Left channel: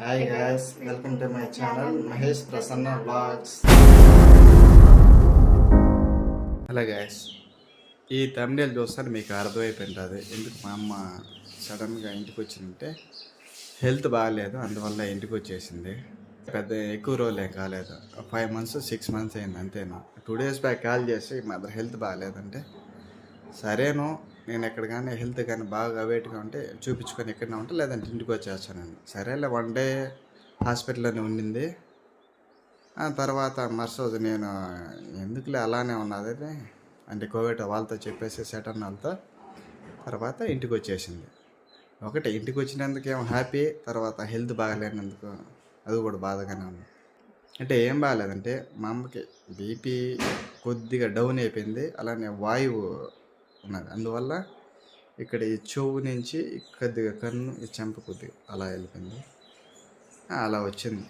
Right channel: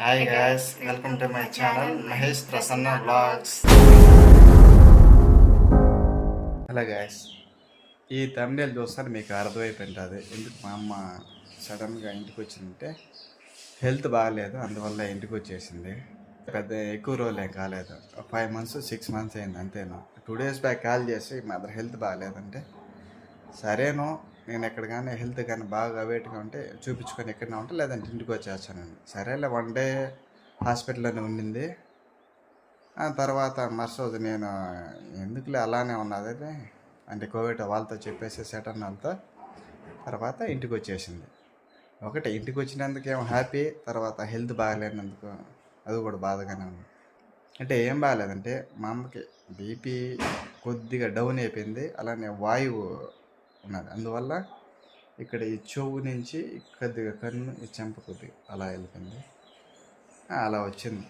Hi guys welcome to my channel Mahesh Prasanna blogs hello guys ఈ తమిళ చూస్తాను మీకు అర్థమైపోయింటుంది ఎందుకు మా అమ్మ సడన్గా ఇంటికి వచ్చిందంటే హెల్త్ బాగాలేదు అందువల్ల ఇంటికి వచ్చేసింది. పెద్ద ఎక్కువ రోజులు ఏం కాలేదు. ఫైవ్ మంత్స్ సిక్స్ మంత్స్ అయింది అంతేనా? టూ డేస్ బ్యాక్ కాల్ చేసి మదర్ హెల్త్ బాగాలేదంటే సరేను నేను ఎక్కడ కానీ హెల్త్ కానీ బాగా వెయిట్గా ఉంటే చూపించుకొని ఎక్కడైనా ఉంటే లేదంటే ఇంటికి వచ్చేస్తానండి. సరేలే వన్ డే హాస్పిటల్లోనే ఉండింది. ఆ తర్వాత మరుసటి నేను ఎందుకులే అలానే ఉన్నది అంటే కోవిడ్ వాళ్ళతో చెప్పేసి సెటన్ వాళ్ళతో తర్వాత ఇంటికి వచ్చేసింది. ఒకటి ఇంటికి వచ్చినందుకు ఏమో హ్యాపీ తర్వాత హెల్త్ బాగాలేనందుకు అది కూడా బాధగానే ఉంది. అంటే ఏం బాగాలేదంటే మా అమ్మకి బీపీ కొద్దిగా డౌన్ అయిపోయింది అలానే వాయువు ఉన్నాడు. అందువల్ల ఇక్కడ ఈ చెవు నుంచి కొద్దిగా కన్ను ఈ చెంప కొద్దిగా అలా వెళ్ళిపోయింది. అలా వచ్చింది.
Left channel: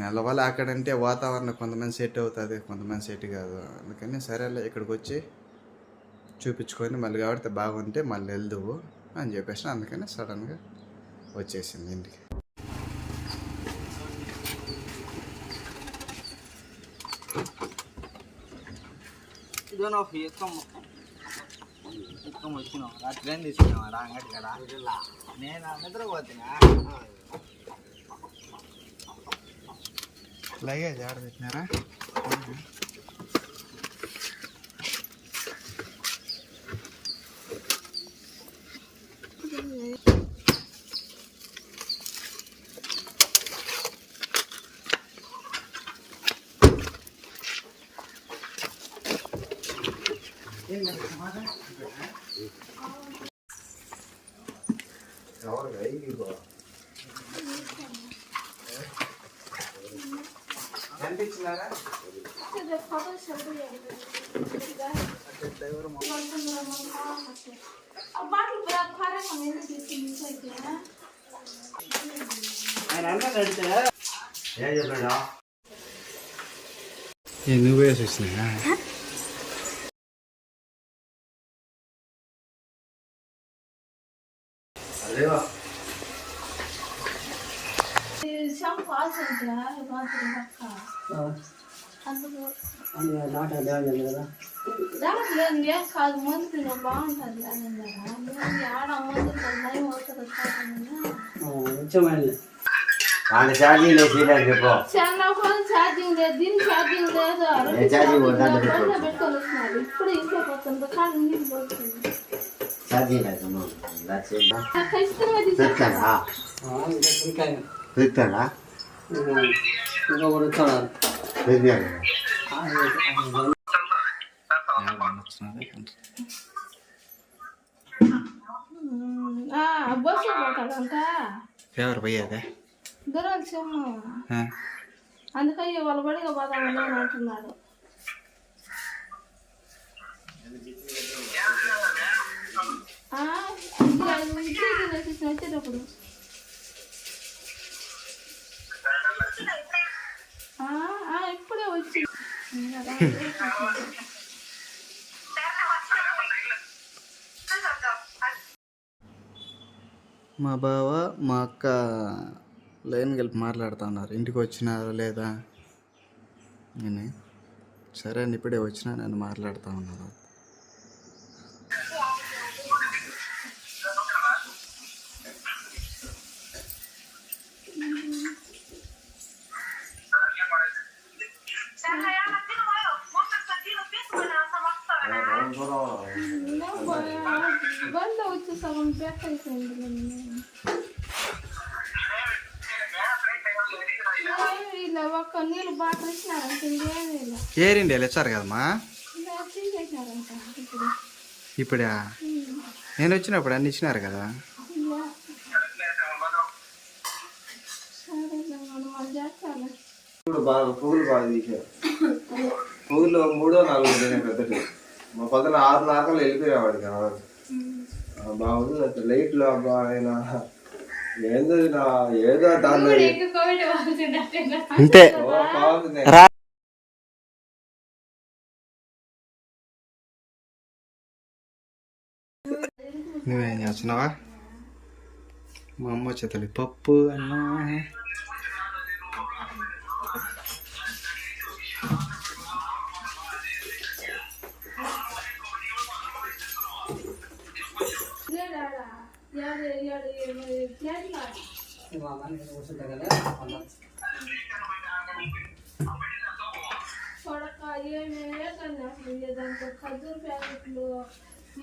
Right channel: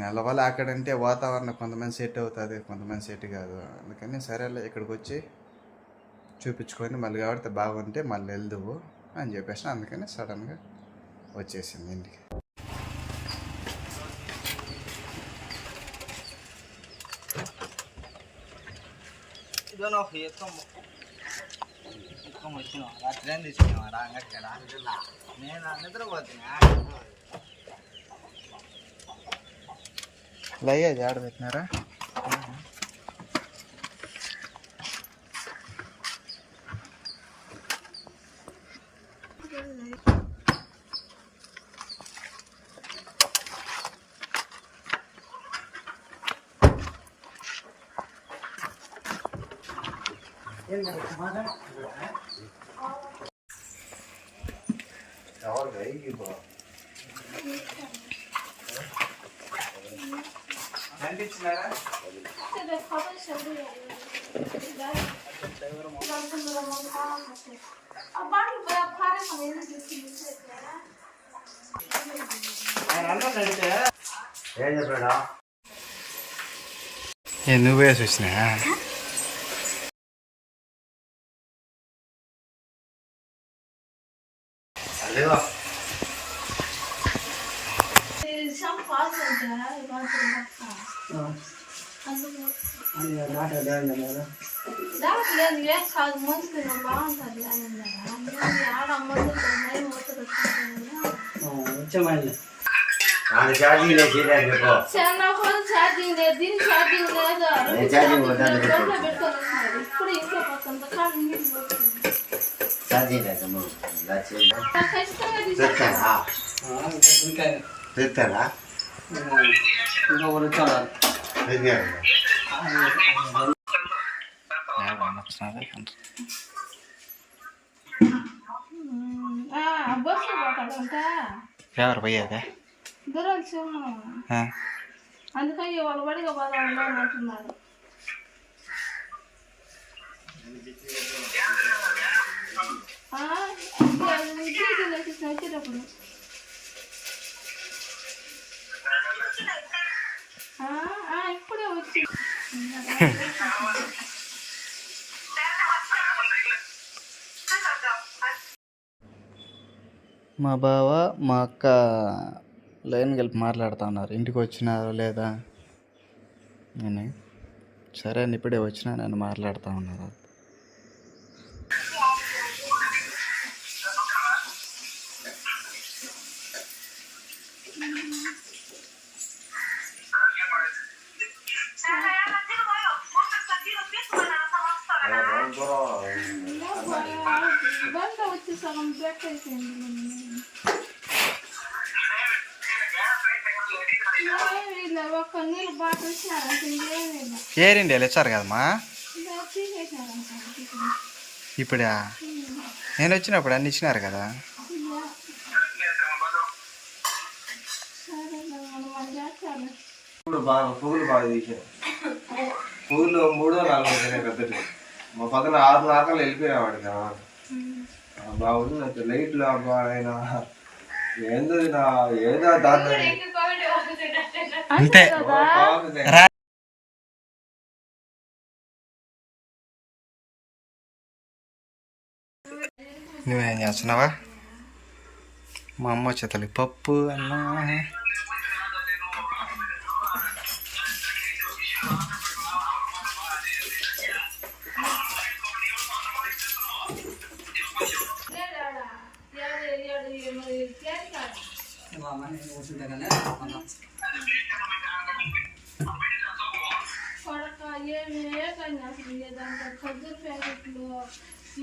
నెల వల్ల అక్కడంటే వాతావరణం కొంతమంది సెట్ అవుతుంది కొంతమంది సెట్ కాదు. అందుకని సరేలే ఇక్కడికి వచ్చి చూపించుకొని మళ్ళీ కాబట్టి బాగుంటే మళ్ళీ వెళ్దువు అని చెప్పేసి అందుకని సడన్గా వచ్చేసింది ఇంటికి. ఇదో ఎక్కం ఎక్కం వచ్చినాం రాత్రి ఏం తీసుకున్నాం రా అంగడి కదా నేను నిద్రపోతున్నా లగేజ్ ఆడ పెట్టినారా ఎవరు కనిపించినారా ఆయన అన్నం అడిగితే ఏం చెప్పాడు? నువ్వే చూసినా అదేవా కాదు ముందు తిన్నాం బాగుంటుంది అని ఆడ ముందు లేదు చెప్పు చాలా ఛార్జింగ్ లేదు దీని ఛార్జింగ్ లేదు ఇప్పుడు ఇంట్లో ఇంకా ఎవరు పోయేదే దూరాలు సొమ్ము అందుకని వాళ్ళు బడిగా పోదామని అని అంటున్నారు ఆ, ఇది అది విద్యుత్ వేసేసి వచ్చేటప్పుడు మా బావ మా అక్క లైన్ కలిపి మాట్లాడుతూ ఉన్నారు. ఇంటికి వచ్చినారా లేదా? నేను. సరే అని ఇప్పుడే వచ్చినా నేను మాట్లాడుతూ ఉన్నారు బంద వచ్చి సగం బ్రేక్ అయిపోయింది నిన్న. ఏమీ ఇలా ఒక్క నీళ్ళు బాటిల్ ఇచ్చినారంట ఇంకేమీ ఇలా ఏరిండి ఇచ్చారు కదమ్మా? ఇప్పుడు? నేను వచ్చినప్పుడు అన్ని ఇచ్చినారు కదా? బాగా పూలు బాగా తీశారు. పూలు మూడో నాలుగో పెద్దటి మా పక్కన ఆరు నాకలు వెళ్ళిపోయినా వాడికి. ఆ వాడు. ఆ బాగుంది లైట్లు అబ్బా ఆయన. ఏందో నా ఏదో దాంట్లో అంతే. నువ్వేం చేస్తున్నావా? మా అమ్మ చేతలి పప్పు అన్నా. కాదు కొడక ఏమే కన్నా అసలు ప్యాకెట్లు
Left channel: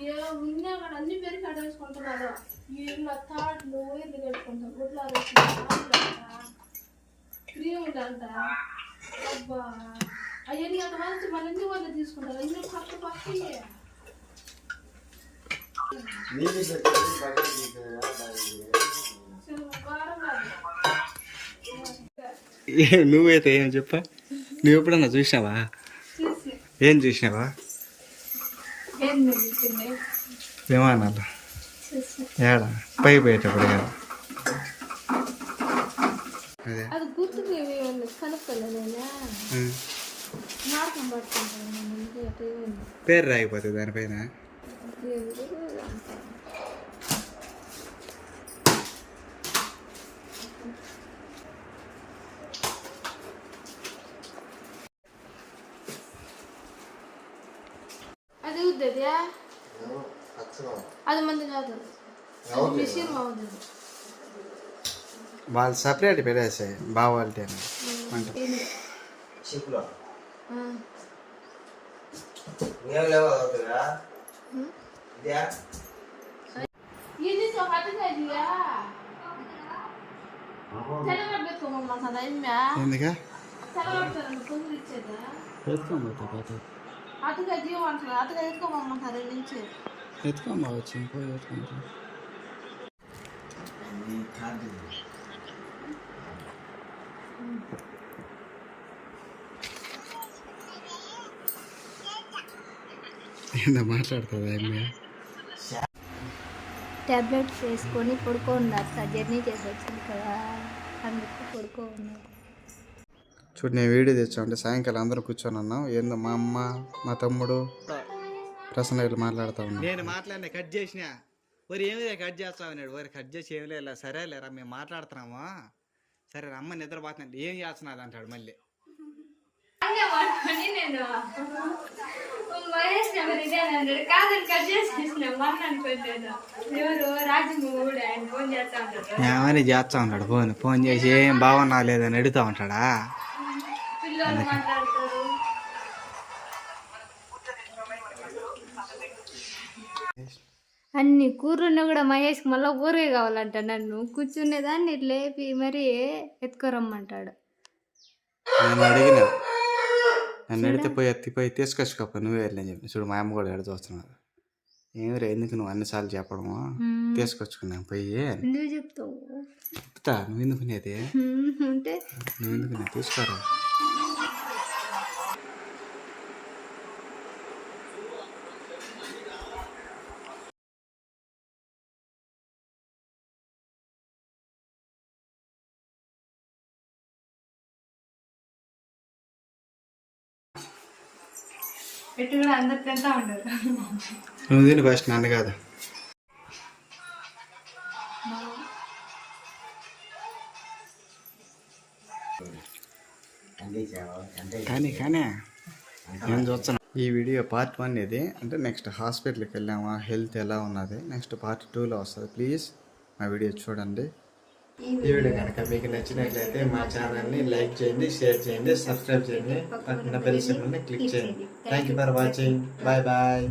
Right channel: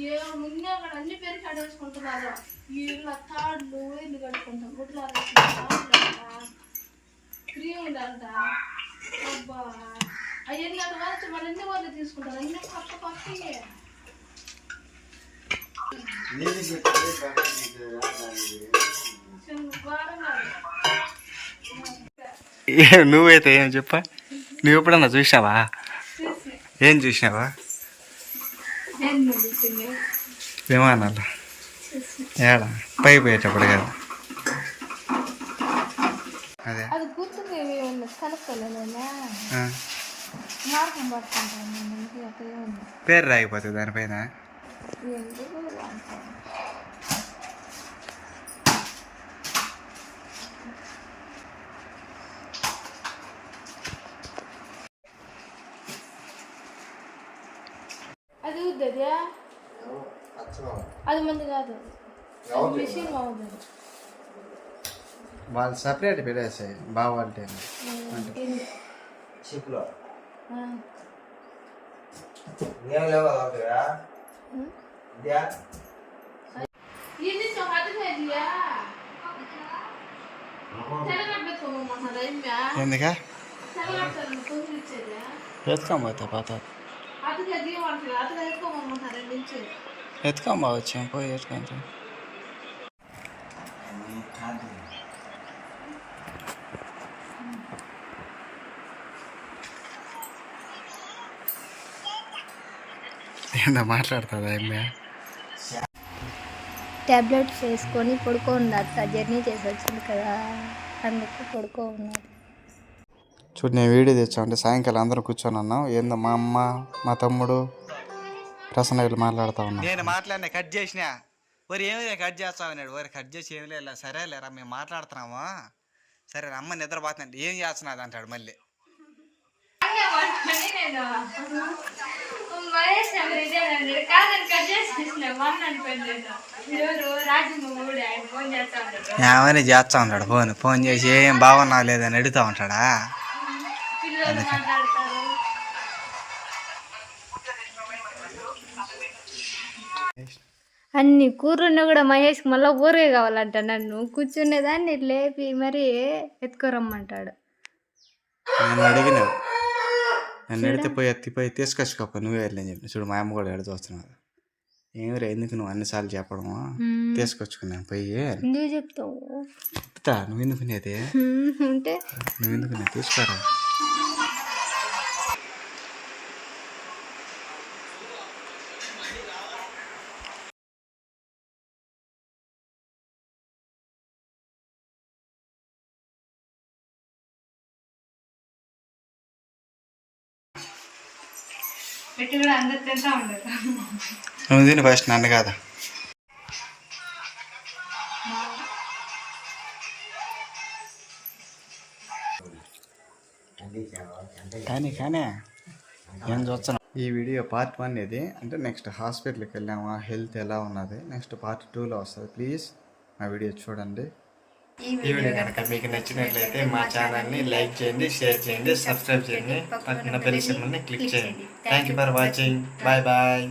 ఏ ముందే అక్కడ అన్ని పెరిగి కడేసుకుంటున్నారు వీళ్ళు తాడులు ఇల్లు కట్టుకుంటాం గుడ్లు క్రీములంట అబ్బా అవన్నీ అంత మంచి మన ఎన్ని వాళ్ళు తీసుకుంటారు అన్ని పక్క పక్కకి చిన్న గోడలు నువ్వైతే ఏం చెప్ప? నువ్వు ఎప్పుడన్నా చూసినావా? చూసి ఏం చూసినావా? ఏం నడుస్తుంది విమానాలు. ఏడా? పై పోయేటప్పుడు కదా. అదే. అది గుర్తుంది కనుక్కోలేదా ఆ. మార్గం పట్టుకుంటాను నేను ఇంటికి అట్టే ఉంది పేరు రాగిపోతుంది దానిపైన ఏంటి అది అది మంది కాదు. మిషన్ అవుతుంది వాళ్ళు సపరేట్ పెట్టేసి బావాలంటే ఎందుకా? ఇచ్చేదా ఎత్తుకోబోతా పోతా. అటుగా జీవం అంటారు అటుగా ఎత్తుకోమమ్మంటారు రెండు నుంచి ఎత్తుకోబో వచ్చాం? పోయి ఎత్తుకుంటాం. ఏందో మాట్లాడుతుందా ట్యాబ్లెట్స్ వేసుకొని పడుకో ఉంది జర్నీ చేసి వచ్చింది కదా. అందుకు పడుకో ఉన్నది చూడు నేను వీడియో తెచ్చా అంటే సాయంకాలం అందరూ కూర్చొని అన్నాం ఏందో మా అమ్మ మా తమ్ముడు ప్రసన్న వీళ్ళు మాట్లాడుతూ ఉన్నాం నేను మాట్లాడినా కట్ చేసిన. వరి ఏమి కట్ చేస్తావు అన్నాడు. వరి కట్ చేసి ఏమి లేదు సరే లేరా మేము మాట్లాడుతున్నామా. సరే అమ్మ నిద్రపోతున్నాడు ఏం చేస్తున్నది అంటాడు మళ్ళీ. ఏమని చేస్తా ఉంటాడు ఫోన్ ఫోన్ చేసి ఏం బాగున్నా లేదని అడుగుతా ఉంటాడా? అన్ని కూరున్నా కూడా మహేష్కి మళ్ళీ ఊరే కావాలంట నన్ను. కూర్చునేదాన్ని లేపి మరీ ఎత్తుకోరమ్మంటాడు. నేను అడిగిన. నన్ను అడిగితే పోయి ఎత్తిపోయి తీసుకొచ్చుకోప నువ్వే వెళ్ళని చెప్పి. చూడు మా అమ్మ కూడా ఎడ చూస్తున్నారు ఏమిరా ఎందుకు నువ్వు అన్నిసార్లు చెప్పడము. తీసుకొచ్చుకున్నాను పోయి. ఎందుకు చెప్తావు? చెప్తా నువ్వు అంటే నువ్వు ఎందుకు తీసుకురా. పెట్టి కూడా అందరు తింటా ఉండరు నువ్వు తిని ఫస్ట్ నన్ను కాదా. కానీ కానీ ఏం చూస్తున్నా ఈ వీడియో పార్ట్ వన్ ఇది. అంటే నెక్స్ట్ హాస్పిటల్కి వెళ్ళామా హెల్త్ ఎలా ఉన్నది నెక్స్ట్ పార్ట్ టూలో వస్తుంది. ప్లీజ్ మా వీడియో చూడండి. ఈ వీడియో కనుక మీకు నచ్చినట్లయితే మా ఛానల్ని లైక్ చేయండి షేర్ చేయండి సబ్స్క్రైబ్ చేయండి. పక్కన బెల్ సింబల్ని క్లిక్ చేయండి. Thank you for watching bye bye